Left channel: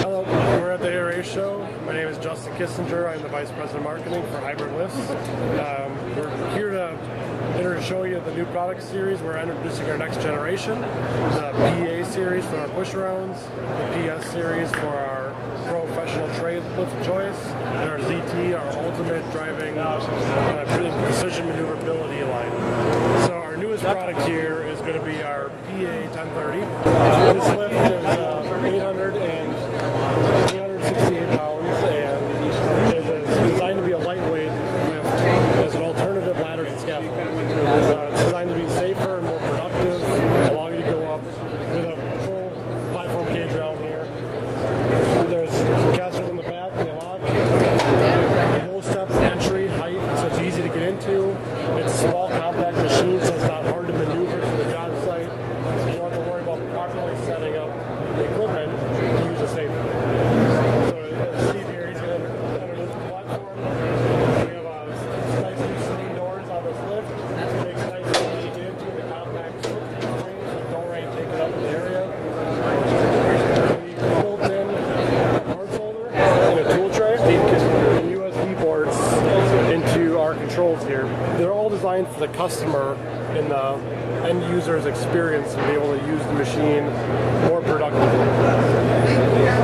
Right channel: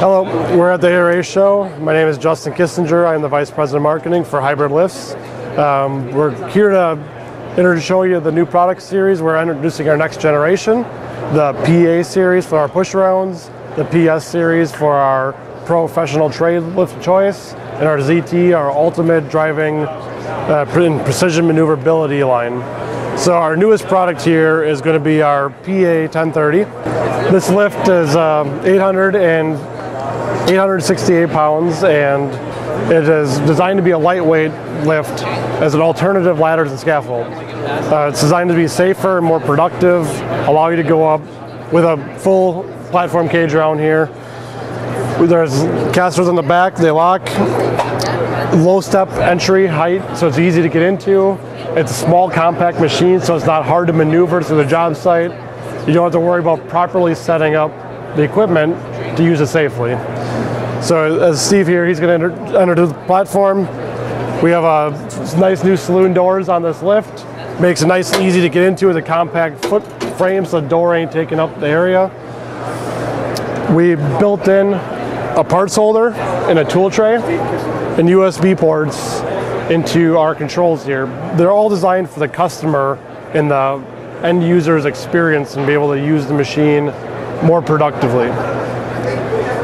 Hello, we're at the ARA show. My name is Justin Kissinger. I'm the Vice President of Marketing for Hy-Brid lifts. We're here to show you the new product series. We're introducing our next generation, the PA series for our push rounds, the PS series for our professional trade lift choice, and our ZT, our ultimate driving precision maneuverability line. So our newest product here is going to be our PA 1030. This lift is 868 pounds, and it is designed to be a lightweight lift as an alternative ladder to the scaffold. It's designed to be safer and more productive, allow you to go up with a full platform cage around here. There's casters on the back, they lock. Low step entry height, so it's easy to get into. It's a small compact machine, so it's not hard to maneuver to the job site. You don't have to worry about properly setting up the equipment to use it safely. So as Steve here, he's going to enter the platform. We have a nice new saloon doors on this lift. Makes it nice and easy to get into with a compact foot frame, so the door ain't taking up the area. We built in a parts holder and a tool tray and USB ports into our controls here. They're all designed for the customer and the end user's experience and be able to use the machine more productively.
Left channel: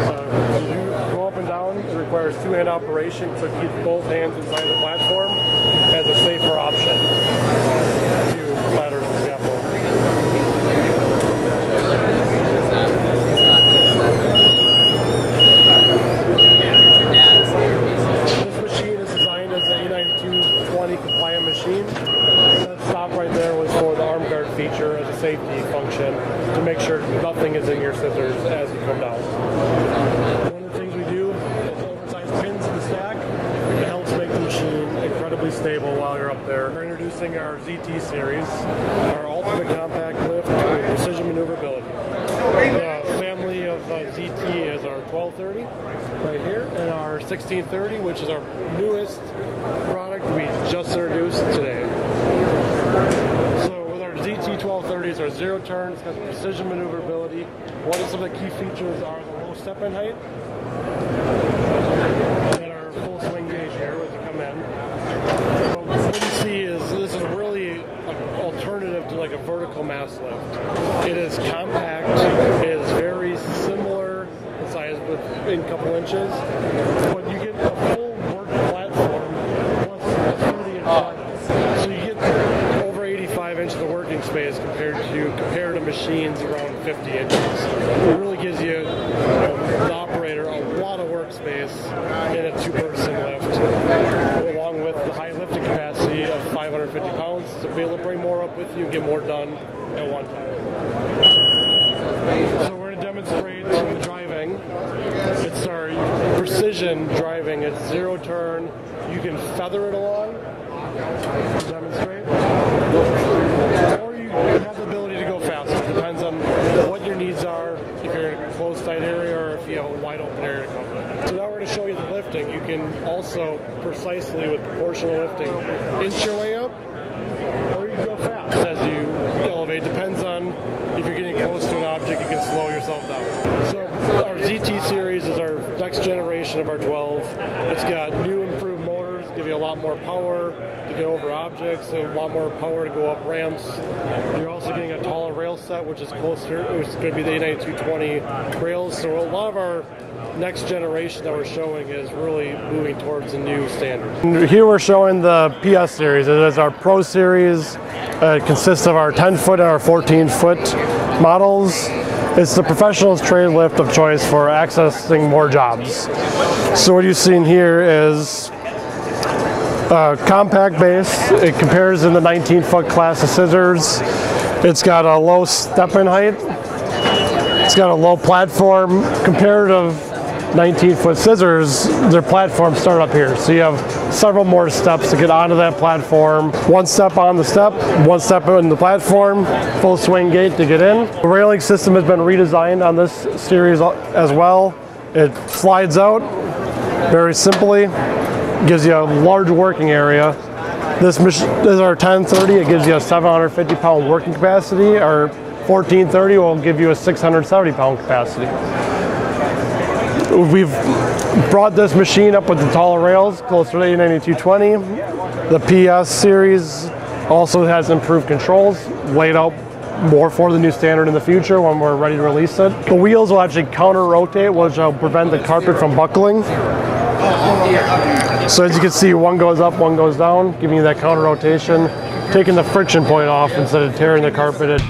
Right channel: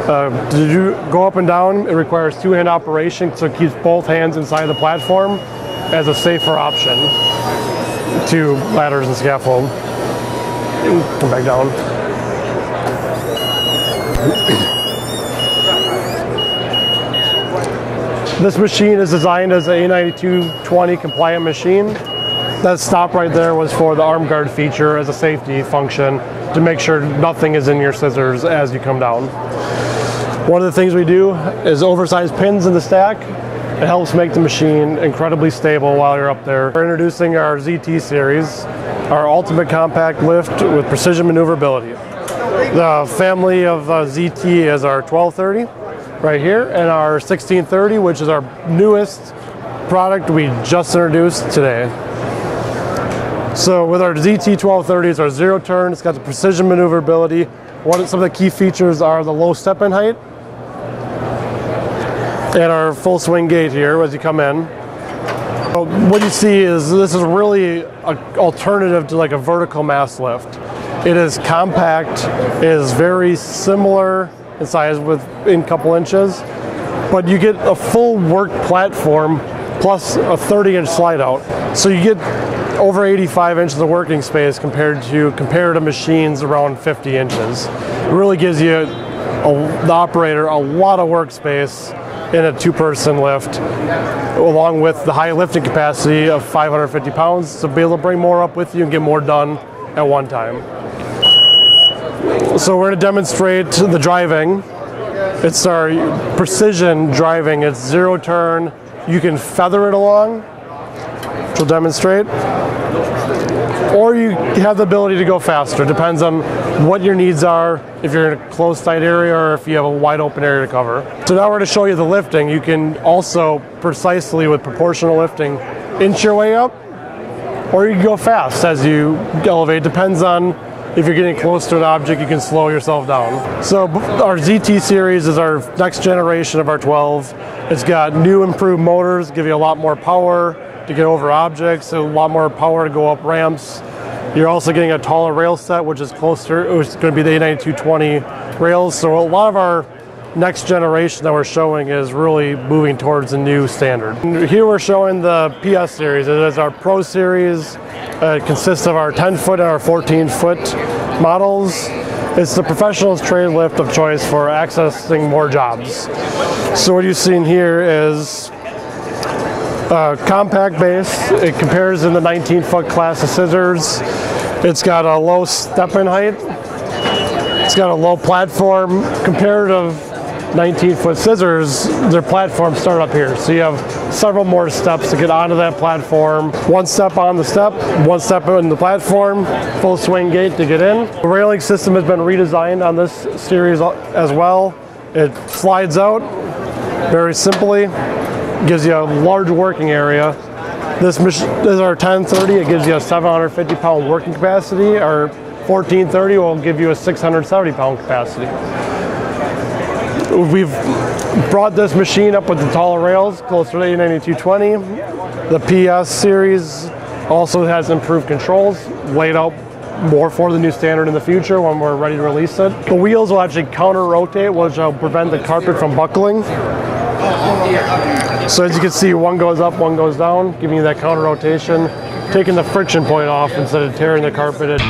To go up and down, it requires two-hand operation, so it keeps both hands inside the platform as a safer option to ladders and scaffold. Come back down. This machine is designed as an A9220 compliant machine. That stop right there was for the arm guard feature as a safety function to make sure nothing is in your scissors as you come down. One of the things we do is oversized pins in the stack. It helps make the machine incredibly stable while you're up there. We're introducing our ZT series, our ultimate compact lift with precision maneuverability. The family of ZT is our 1230 right here, and our 1630, which is our newest product we just introduced today. So with our ZT 1230, it's our zero turn. It's got the precision maneuverability. Some of the key features are the low step-in height and our full swing gate here as you come in. So what you see is this is really an alternative to like a vertical mast lift. It is compact. It is very similar in size within a couple inches, but you get a full work platform plus a 30-inch slide out. So you get over 85 inches of working space compared to comparative machines around 50 inches. It really gives you, the operator, a lot of workspace in a two-person lift, along with the high lifting capacity of 550 pounds, to be able to bring more up with you and get more done at one time. So we're going to demonstrate the driving. It's our precision driving. It's zero turn. You can feather it along, which we'll demonstrate, or you have the ability to go faster. Depends on what your needs are, if you're in a closed tight area or if you have a wide open area to cover. So now we're going to show you the lifting. You can also precisely, with proportional lifting, inch your way up, or you can go fast as you elevate. Depends on if you're getting close to an object, you can slow yourself down. So our ZT series is our next generation of our 12. It's got new improved motors, give you a lot more power to get over objects, a lot more power to go up ramps. You're also getting a taller rail set, which is closer. It's going to be the A9220 rails. So a lot of our next generation that we're showing is really moving towards a new standard. And here we're showing the PS series. It is our Pro series. It consists of our 10-foot and our 14-foot models. It's the professional's trade lift of choice for accessing more jobs. So what you've seen here is a compact base. It compares in the 19-foot class of scissors. It's got a low step-in height. It's got a low platform. Comparative 19-foot scissors, their platforms start up here. So you have several more steps to get onto that platform. One step on the step, one step in the platform, full swing gate to get in. The railing system has been redesigned on this series as well. It slides out very simply, gives you a large working area. This is our 1030, it gives you a 750-pound working capacity. Our 1430 will give you a 670-pound capacity. We've brought this machine up with the taller rails, closer to 892/20. The PS series also has improved controls, laid out more for the new standard in the future when we're ready to release it. The wheels will actually counter-rotate, which will prevent the carpet from buckling. So as you can see, one goes up, one goes down, giving you that counter-rotation, taking the friction point off instead of tearing the carpet.